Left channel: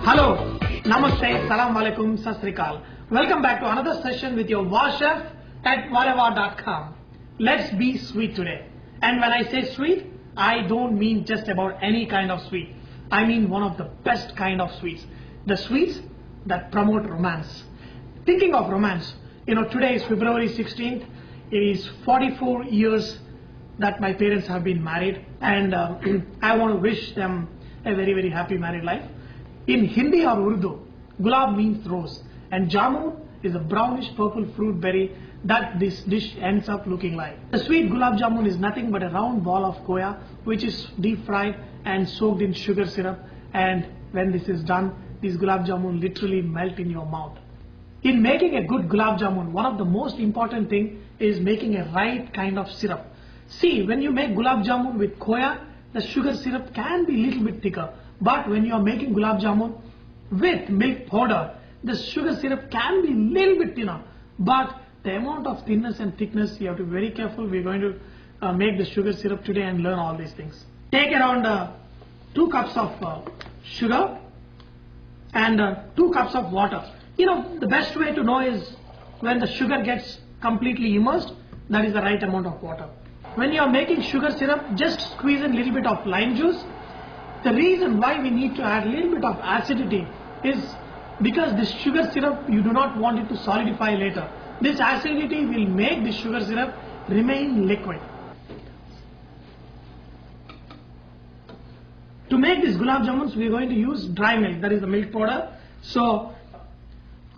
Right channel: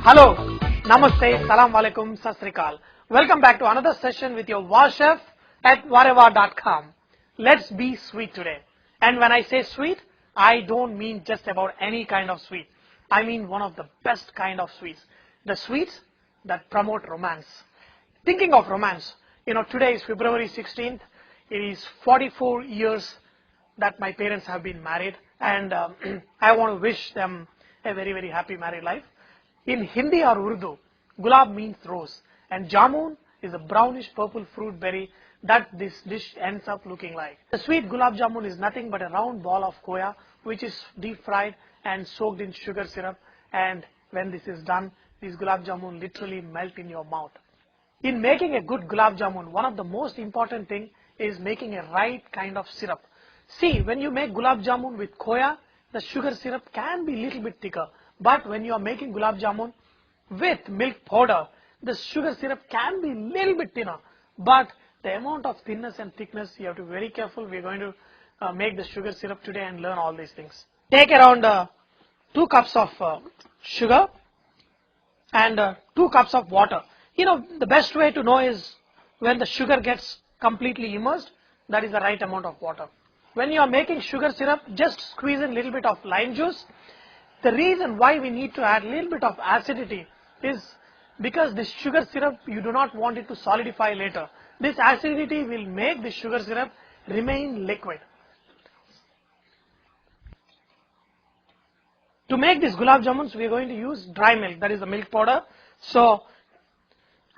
Hello, Namaste, Salam Alaikum, Sat Sri Akal. Welcome back to another session with your war chef at whatever.com. Let's be sweet today. And when I say sweet, I don't mean just about any kind of sweet. I mean one of the best kind of sweets. The sweets that promote romance. Thinking of romance, today is February 16th. It is 44 years that my parents have been married, and I want to wish them a very, very happy married life. In Hindi or Urdu, gulab means rose, and jamun is a brownish purple fruit berry that this dish ends up looking like. The sweet gulab jamun is nothing but a round ball of khoya which is deep fried and soaked in sugar syrup, and when this is done, these gulab jamun literally melt in your mouth. In making a good gulab jamun, one of the most important thing is making a right kind of syrup. See, when you make gulab jamun with khoya, the sugar syrup can be a little bit thicker. But when you are making gulab jamun with milk powder, the sugar syrup can be a little bit thinner. But the amount of thinness and thickness, you have to be very careful. We are going to make the sugar syrup today and learn all these things. Take around 2 cups of sugar and 2 cups of water. The best way to know is when the sugar gets completely immersed, that is the right amount of water. When you are making sugar syrup, just squeeze in a little bit of lime juice. The reason why we need to add a little bit of acidity is because this sugar syrup, you do not want it to solidify later. This acidity will make the sugar syrup remain liquid. To make these gulab jamuns, we are going to use dry milk, that is the milk powder. So,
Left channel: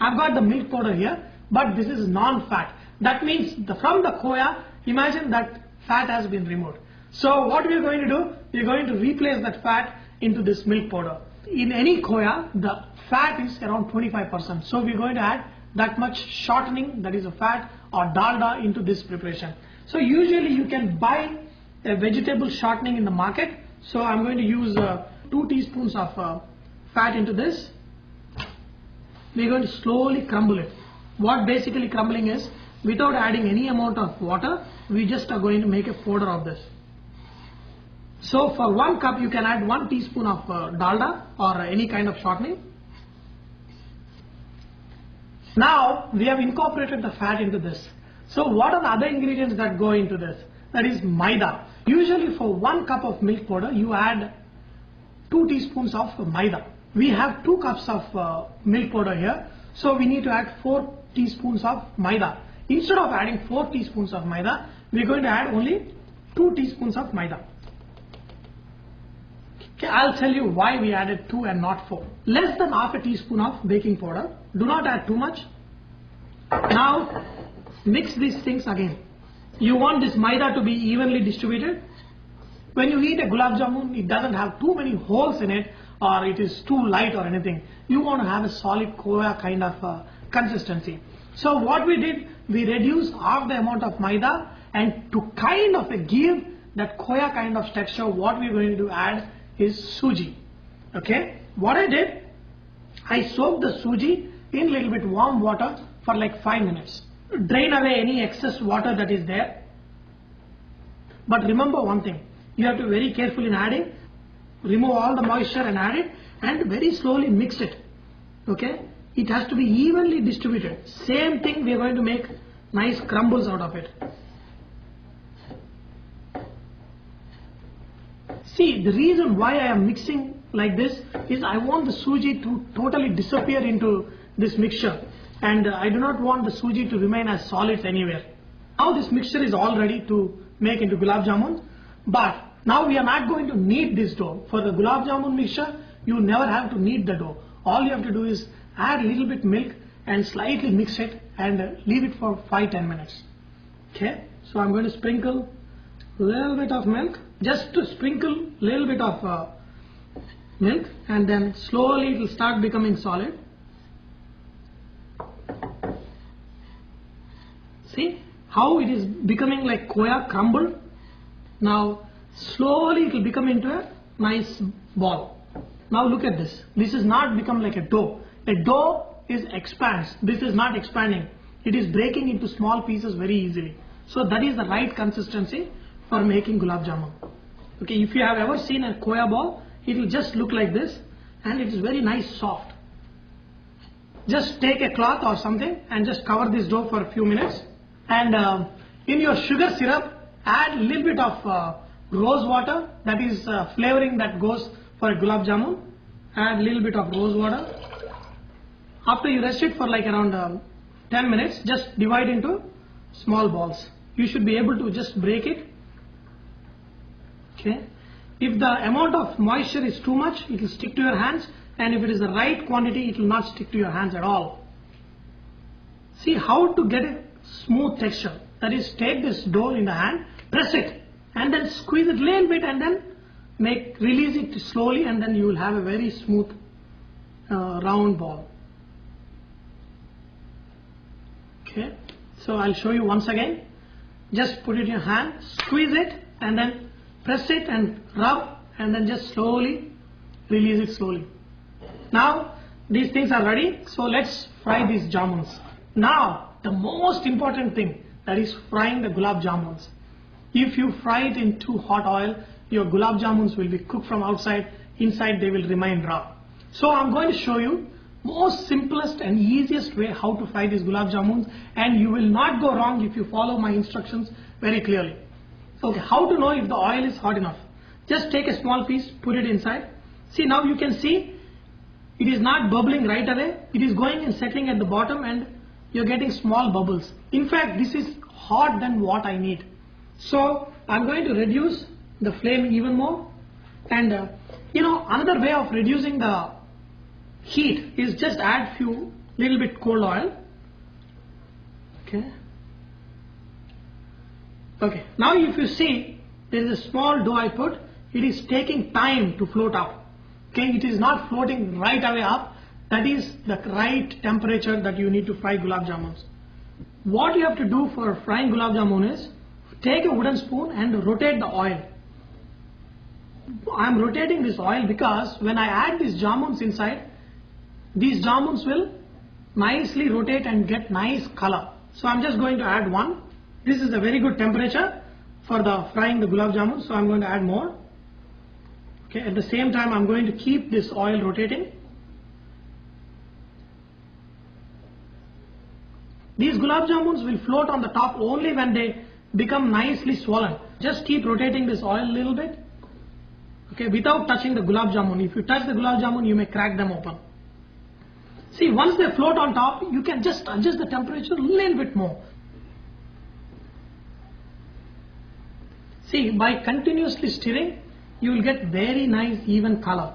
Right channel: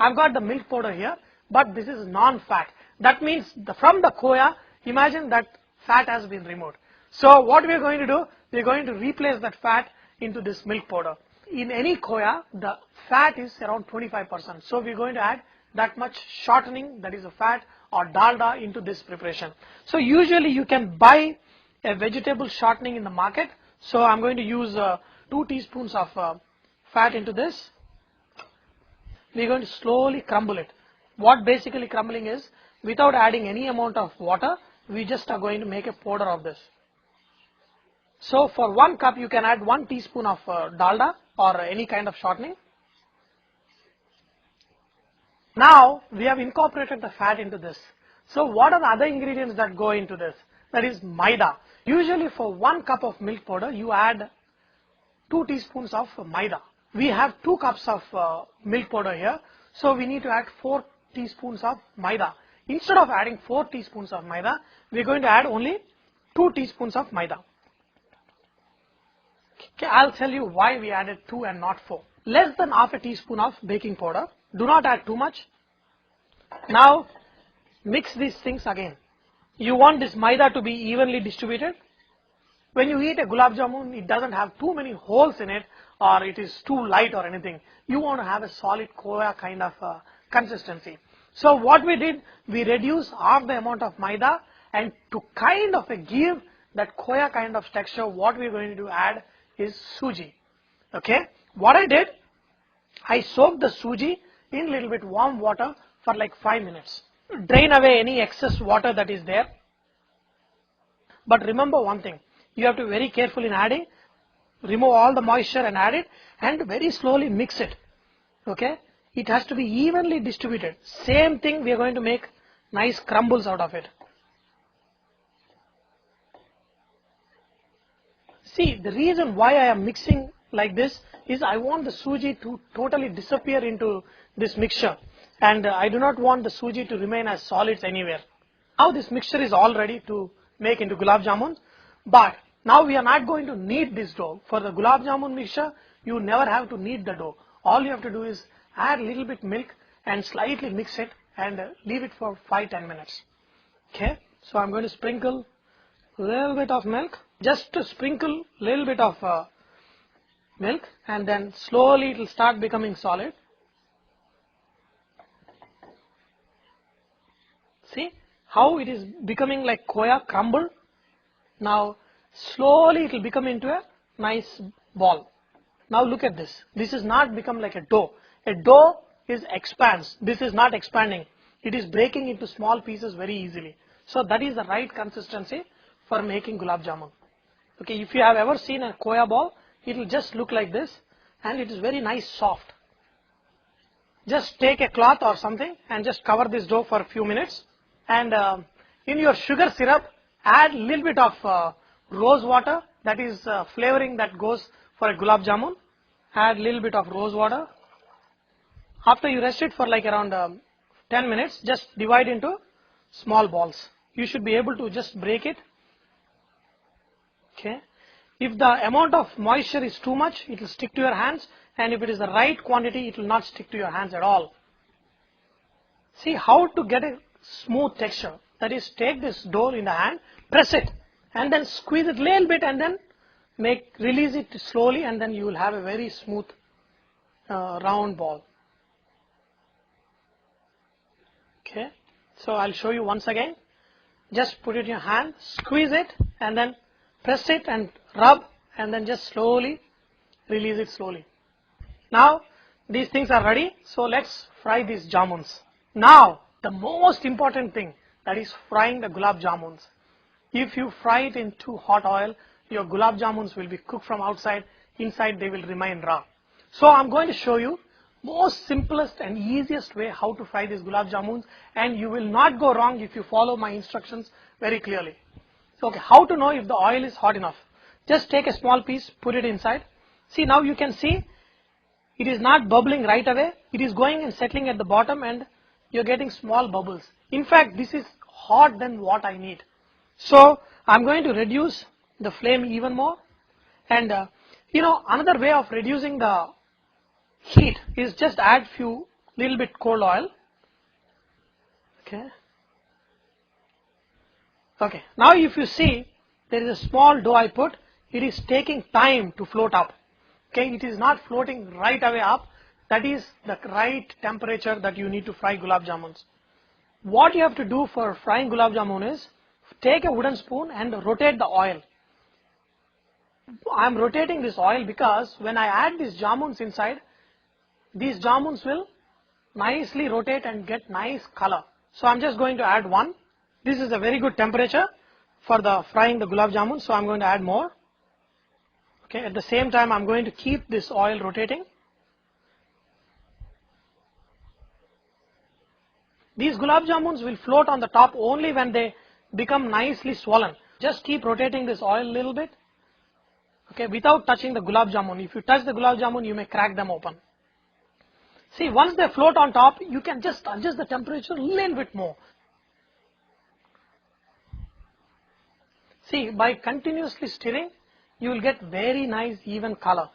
I've got the milk powder here, but this is non-fat. That means from the khoya, imagine that fat has been removed. So what we are going to do, we are going to replace that fat into this milk powder. In any khoya, the fat is around 25%. So we are going to add that much shortening, that is a fat or dalda, into this preparation. So usually you can buy a vegetable shortening in the market. So I'm going to use 2 teaspoons of fat into this. We are going to slowly crumble it. What basically crumbling is, without adding any amount of water, we just are going to make a powder of this. So for 1 cup, you can add 1 teaspoon of dalda or any kind of shortening. Now we have incorporated the fat into this. So what are the other ingredients that go into this? That is maida. Usually for 1 cup of milk powder, you add 2 teaspoons of maida. We have 2 cups of milk powder here. So we need to add 4 teaspoons of maida. Instead of adding 4 teaspoons of maida, we are going to add only 2 teaspoons of maida. Okay, I'll tell you why we added 2 and not 4. Less than half a teaspoon of baking powder. Do not add too much. Now mix these things again. You want this maida to be evenly distributed. When you eat a gulab jamun, it doesn't have too many holes in it, or it is too light or anything. You want to have a solid khoya kind of consistency. So what we did, we reduced half the amount of maida, and to kind of give that khoya kind of texture, what we're going to add is suji. Okay, what I did, I soaked the suji in a little bit warm water for like 5 minutes. Drain away any excess water that is there. But remember one thing, you have to be very careful in adding. Remove all the moisture and add it, and very slowly mix it. Okay, it has to be evenly distributed. Same thing, we are going to make nice crumbles out of it. See, the reason why I am mixing like this is I want the suji to totally disappear into this mixture, and I do not want the suji to remain as solids anywhere. Now this mixture is all ready to make into gulab jamuns, but now we are not going to knead this dough. For the gulab jamun mixture, you never have to knead the dough. All you have to do is add a little bit milk and slightly mix it and leave it for 5-10 minutes. Okay, so I'm going to sprinkle a little bit of milk, just to sprinkle a little bit of milk, and then slowly it will start becoming solid. See how it is becoming like khoya crumbled. Now slowly it will become into a nice ball. Now look at this. This is not become like a dough. A dough expands. This is not expanding. It is breaking into small pieces very easily. So that is the right consistency for making gulab jamun. Okay, if you have ever seen a khoya ball, it will just look like this and it is very nice soft. Just take a cloth or something and just cover this dough for a few minutes, and in your sugar syrup add a little bit of rose water, that is flavoring that goes for a gulab jamun. Add a little bit of rose water. After you rest it for like around 10 minutes, just divide into small balls. You should be able to just break it. Okay. If the amount of moisture is too much, it will stick to your hands, and if it is the right quantity, it will not stick to your hands at all. See how to get a smooth texture. That is, take this dough in the hand, press it, and then squeeze it a little bit, and then release it slowly, and then you will have a very smooth round ball. Okay, so I'll show you once again. Just put it in your hand, squeeze it, and then press it and rub, and then just slowly release it slowly. Now these things are ready, so let's fry these jamuns. Now the most important thing, that is frying the gulab jamuns. If you fry it in too hot oil, your gulab jamuns will be cooked from outside, inside they will remain raw. So I'm going to show you most simplest and easiest way how to fry these gulab jamuns, and you will not go wrong if you follow my instructions very clearly. Okay, how to know if the oil is hot enough? Just take a small piece, put it inside. See, now you can see it is not bubbling right away. It is going and settling at the bottom, and you're getting small bubbles. In fact, this is hot than what I need. So I'm going to reduce the flame even more. And another way of reducing the heat is just add little bit cold oil. Okay, now if you see, there is a small dough I put, it is taking time to float up. Okay, it is not floating right away up. That is the right temperature that you need to fry gulab jamuns. What you have to do for frying gulab jamun is take a wooden spoon and rotate the oil. I am rotating this oil because when I add these jamuns inside, these jamuns will nicely rotate and get nice color. So I'm just going to add one. This is a very good temperature for the frying the gulab jamun, so I'm going to add more. Okay, at the same time I'm going to keep this oil rotating. These gulab jamuns will float on the top only when they become nicely swollen. Just keep rotating this oil a little bit, okay, without touching the gulab jamun. If you touch the gulab jamun, you may crack them open. See, once they float on top, you can just adjust the temperature a little bit more. See, by continuously stirring, you will get very nice even color.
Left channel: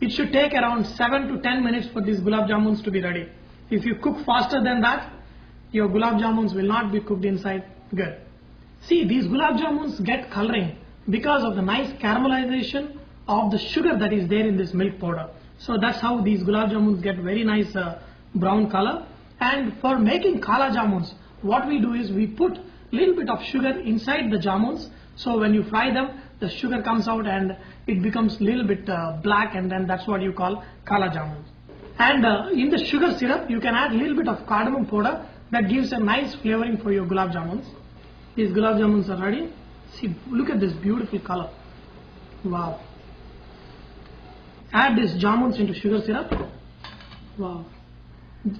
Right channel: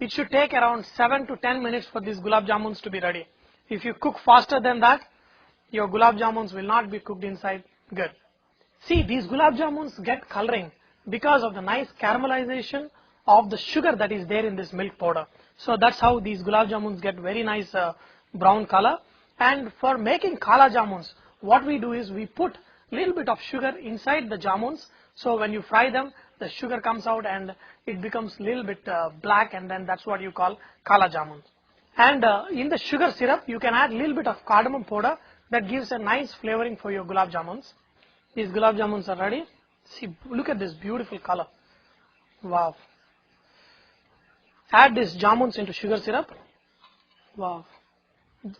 It should take around 7 to 10 minutes for these gulab jamuns to be ready. If you cook faster than that, your gulab jamuns will not be cooked inside good. See, these gulab jamuns get coloring because of the nice caramelization of the sugar that is there in this milk powder. So that's how these gulab jamuns get very nice brown color. And for making kala jamuns, what we do is we put little bit of sugar inside the jamuns, so when you fry them, the sugar comes out and it becomes little bit black, and then that's what you call kala jamuns. And in the sugar syrup, you can add little bit of cardamom powder that gives a nice flavoring for your gulab jamuns. These gulab jamuns are ready. See, look at this beautiful color. Wow. Add these jamuns into sugar syrup. Wow.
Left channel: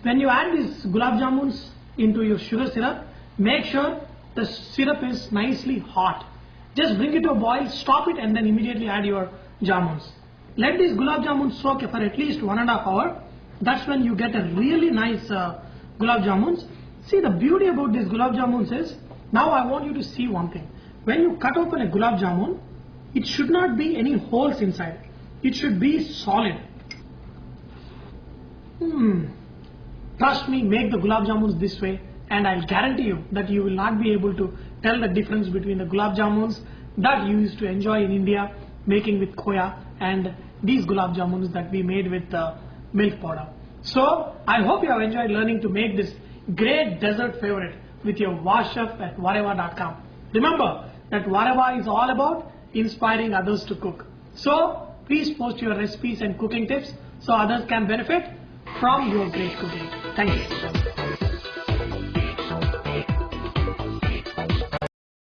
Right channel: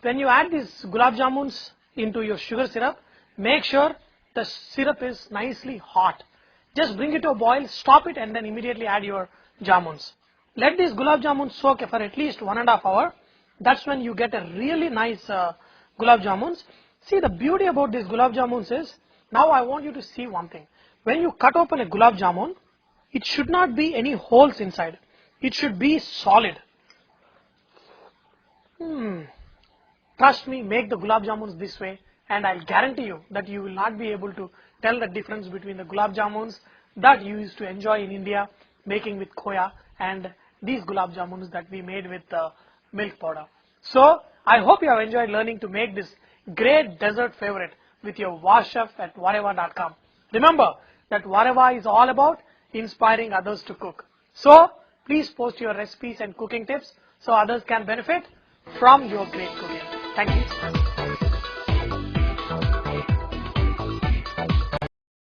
When you add these gulab jamuns into your sugar syrup, make sure the syrup is nicely hot. Just bring it to a boil, stop it, and then immediately add your jamuns. Let these gulab jamuns soak for at least 1.5 hours. That's when you get a really nice gulab jamuns. See, the beauty about these gulab jamuns is, now I want you to see one thing. When you cut open a gulab jamun, it should not be any holes inside. It should be solid. Trust me, make the gulab jamuns this way, and I'll guarantee you that you will not be able to tell the difference between the gulab jamuns that you used to enjoy in India making with khoya and these gulab jamuns that we made with milk powder. So I hope you have enjoyed learning to make this great dessert favorite with your Chef at Vareva.com. Remember that Vareva is all about inspiring others to cook. So please post your recipes and cooking tips so others can benefit from your great cooking. Thank you.